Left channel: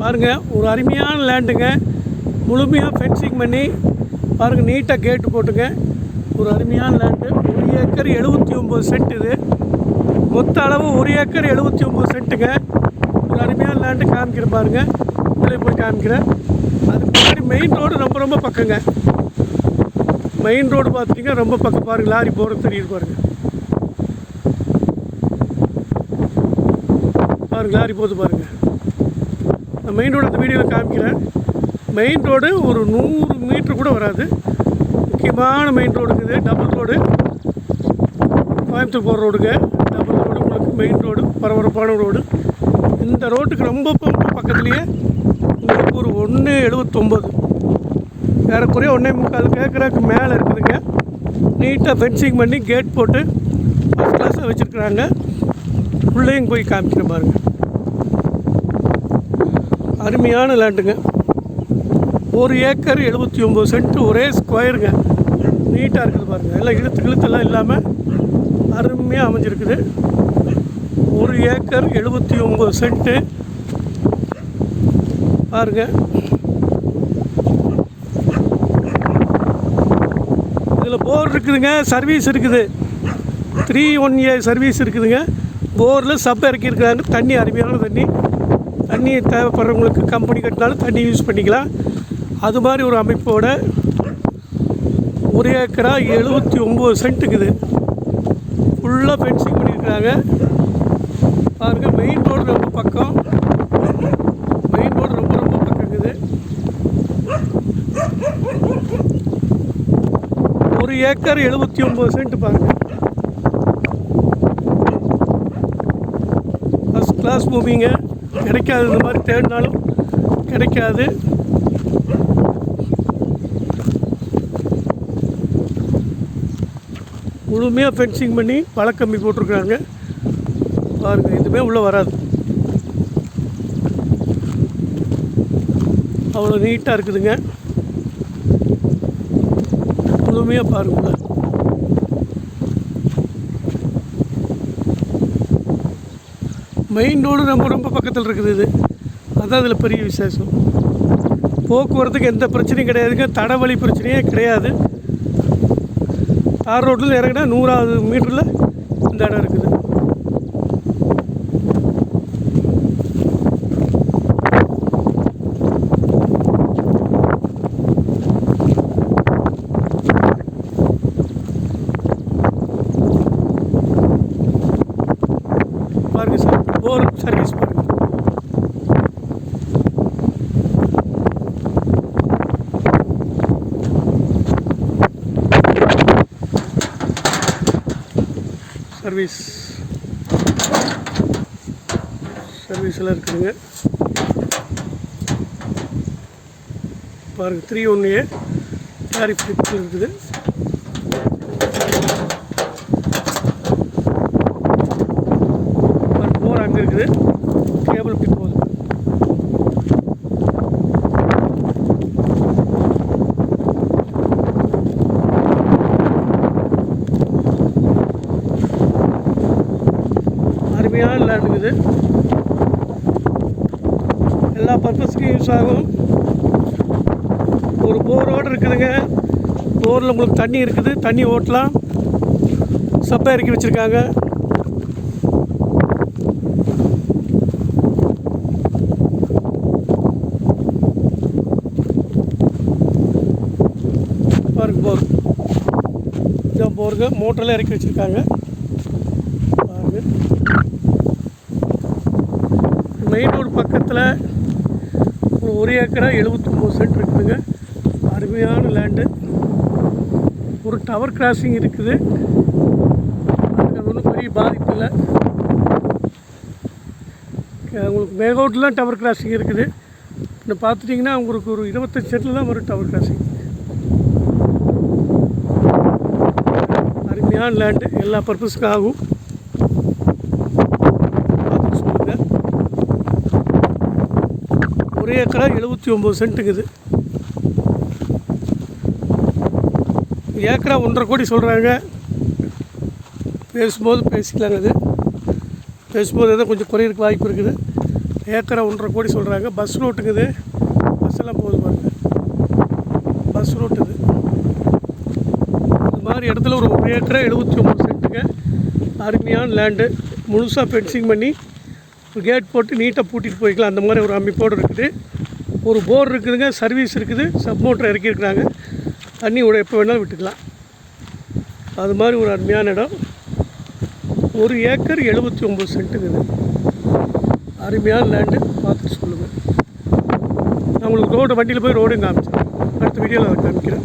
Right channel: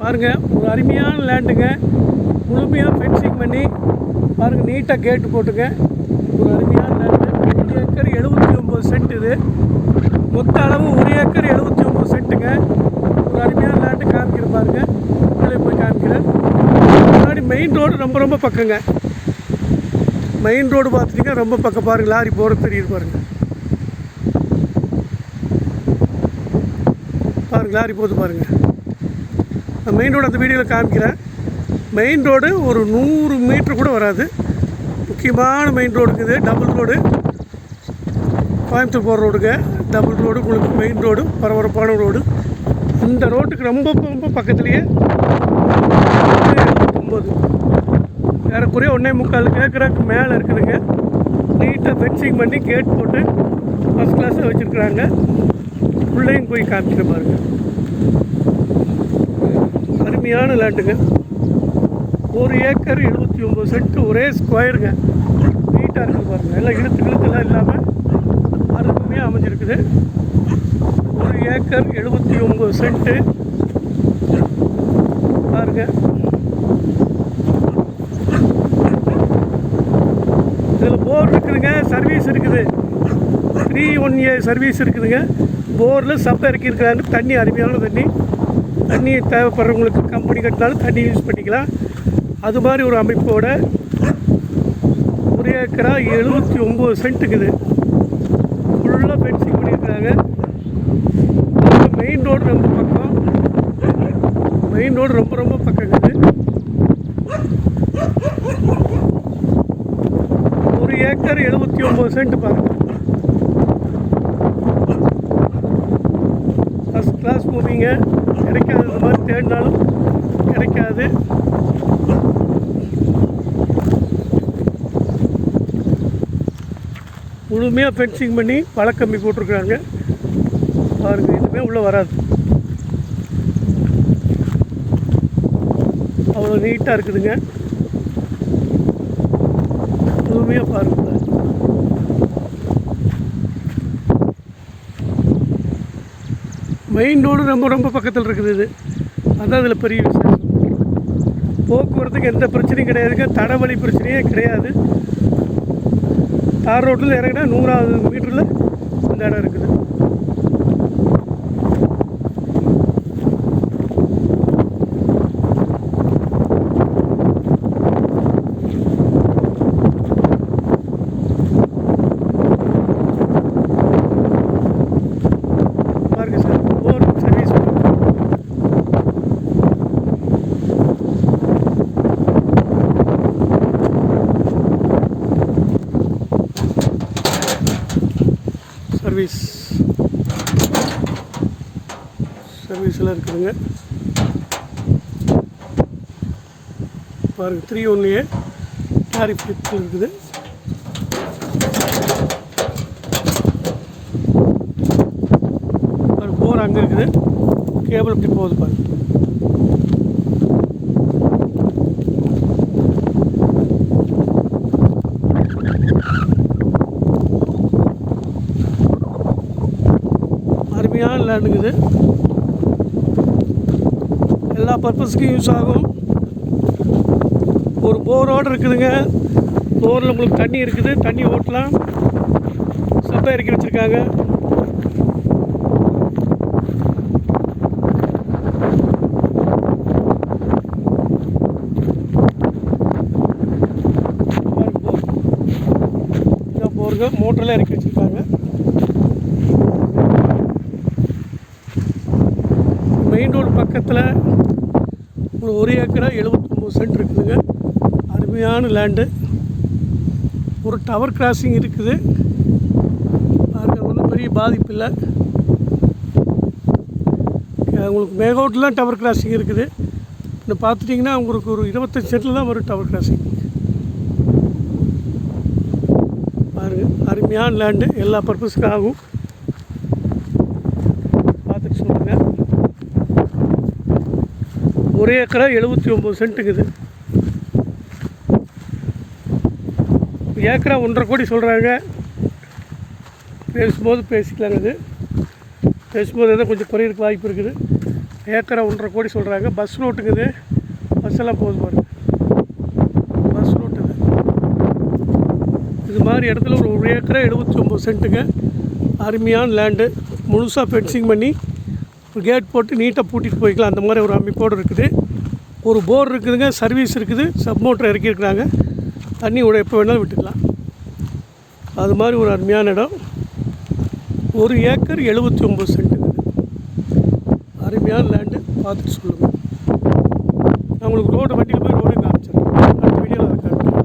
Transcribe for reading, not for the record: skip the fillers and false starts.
பாருங்கள், ஒரு அருமையான லேண்டுங்க. முழுமையாக ஃபென்சிங் பண்ணி பாருங்கள், நீட்டாக கேட்டு போட்டுங்க. ஒரு அருமையான லேண்டு. 1 acre 79 send. இது மொத்த அளவு 1 ஏக்கர் 79 சென்ட்டுங்க. ஒரு அருமையான லேண்டு காமிக்கிறேன் பாருங்கள். உள்ளே போய் காமிக்கிறேன். முன்னாடி மெயின் ரோடு ரொம்ப பக்கங்க. மெயின் ரோடு பார்த்துட்டிங்கன்னா ரொம்ப பக்கம். பாருங்கள், லாரி போகிறது தெரியுது பாருங்கள். பாருங்கள், லாரி போகுது பாருங்கள். நான் மெயின் ரோடு அந்த வீடியோவில் காமிக்கிறேன். மெயின் ரோடு ஒரு 100 மீட்ரு கூட வராது. முக்கியமான மெயின் ரோடுக்கு இது. டபுள் ரோடு, கோயம்புத்தூர் போகிற ரோடுங்க. டபுள் ரோடு உங்களுக்கு மெயின் ரோடு, பரபரப்பான ரோடு. இந்த ரோட்டுக்கு ரொம்ப பக்கத்துலேயே 179 ஏறக்குறைய 1.25 ஏக்கருக்கு மேலே இருக்குதுங்க. நீட்டாக ஃபென்சிங் பண்ணி கேட் போட்டு ஃபஸ்ட் கிளாஸாக வச்சுருக்குறாங்க. உள்ளேயும் போய் காமிக்கிற பாருங்கள். அருமையான லேண்டுங்க. 1 ஏக்கர் 79 சென்ட், ஒரே ஸ்கொயருங்க. நீட்டாக இருக்குது பாருங்கள். எல்லாம் இழுத்தெல்லாம் இல்லாமல் அருமையாக அமைஞ்சிருக்குது. 1 ஏக்கர் 79 சென்ட்டு பாருங்கள். இதில் போர் இருக்குதுங்க, சர்வீஸ் இருக்குது. 3-1A சர்வீஸ் இருக்குதுங்க. போரில் சப் இறக்கியிருக்கிறாங்க. தண்ணி அருமையான தண்ணி தேவைப்படுறவங்களுக்கு கம்பெனி கட்டினாலும் தண்ணி யூஸ் பண்ணிக்கலாம். அது மாதிரி ஒரு அமைப்போட 1 ஏக்கரா 79 சென்ட்டுக்குது. ஃபுல்லாக ஃபென்சிங் பண்ணியிருக்கிறாங்க. பாருங்கள், மெயின் ரோடு ரொம்ப பக்கம். மெயின் ரோடு ரொம்ப பக்கங்குது. 1 ஏக்கர் 79 சென்ட் பாருங்கள். ஃபஸ்ட் கிளாஸ் மூவிங்க. கிடைக்காது, இந்த மாதிரி தேடினாலும் கிடைக்காது. முழுமையாக ஃபென்சிங் பண்ணி வழக்கம்பி போட்டிருக்காங்க பாருங்கள். இதுவுமே உள்ளே வராது. அவ்வளோ நீட்டாக இருக்குதுங்க. முழுமையாக பாருங்கள். மெயின் ரோடு ரொம்ப பக்கத்தில் இருக்குது. இது அதுதான் இதில் பெரிய விசேஷம். போக்குவரத்துக்கு எந்த பிரச்சனையும் கிடையாதுங்க. தடவழி பிரச்சனையே கிடையாது. தார் ரோட்டில் இறங்கினா 100வது மீட்டரில் இந்த இடம் இருக்குது. பாருங்க சார், போர் சர்வீஸ். சர்வீஸ் எல்லாம் இருக்குதுங்க. பாருங்கள், 3-1A டாரிஃப் இருக்குது. போர் அங்கே இருக்குது. கேபிள் இப்படி போகுது பாருங்க. அருமையான லேண்டுங்குது. எல்லா பர்பஸ்க்கும் யூஸ் ஆகும். ஒரு போரோடு இருக்குதுங்க. போரில் உங்களுக்கு தண்ணி இருக்குது. தண்ணி ஓட்டலாம். சப்பை இறக்கி வச்சுருக்காங்க. பாருங்க, போர் இதான் போருங்க. மோட்டரில் இறக்கி வச்சுருக்காங்க. மெயின் ரோடு பக்கத்தில் ஒரு 1 ஏக்கரா 79 சென்ட் இருக்குதுங்க. அருமையான லேண்டு. ஒரு டவர் கிராசிங் இருக்குது. அது ஒன்றும் பெரிய பாதிப்பு இல்லை. உங்களுக்கு மேகோட்டில் டவர் கிராசிங் இருக்குது. இன்னும் பார்த்துட்டிங்கன்னா உங்களுக்கு ஒரு 25 சென்ட்டில் தான் வரும் டவர் கிராசிங். அருமையான லேண்டு. எல்லா பர்பஸுக்கும் ஆகும். பார்த்துட்டு சொல்லுங்கள். 1 ஏக்கரா 79 சென்ட்டுங்குது. ஏக்கரா 1.5 கோடி சொல்கிறாங்க. பேசும்போது பேசிக்கலாங்க. அது பேசும்போது எதாவது கொஞ்சம் குறையிறதுக்கு வாய்ப்பு இருக்குது. ஏக்கரை 1.5 கோடி சொல்கிறாங்க. பஸ் ரூட்டுக்கு இது, பஸ்ஸெல்லாம் போகுது பாருங்க, பஸ் ரூட் இது. இது மாதிரி இடத்துல ஒரு ஏக்கரை 79 சென்ட்டுங்க, அருமையான லேண்டு. முழுசாக ஃபென்சிங் பண்ணி ஒரு கேட் போட்டு நீட்டாக பூட்டிட்டு போய்க்கலாம். அந்த மாதிரி ஒரு அமைப்போடு இருக்குது. ஒரு போர் இருக்குதுங்க, சர்வீஸ் இருக்குது, சப் மோட்டர் இறக்கியிருக்கிறாங்க, தண்ணி விட எப்போ வேணாலும் விட்டுக்கலாம். அது மாதிரி ஒரு அருமையான இடம். 1 ஏக்கர் 79 சென்ட்டுங்க. இது அருமையான லேண்டு, பார்த்துட்டு சொல்லுங்கள். நான் உங்களுக்கு ரோடு வண்டியில் போய் ரோடு காமிச்சேன். அடுத்த வீடியோவில் அதை காமிக்கிறேன்.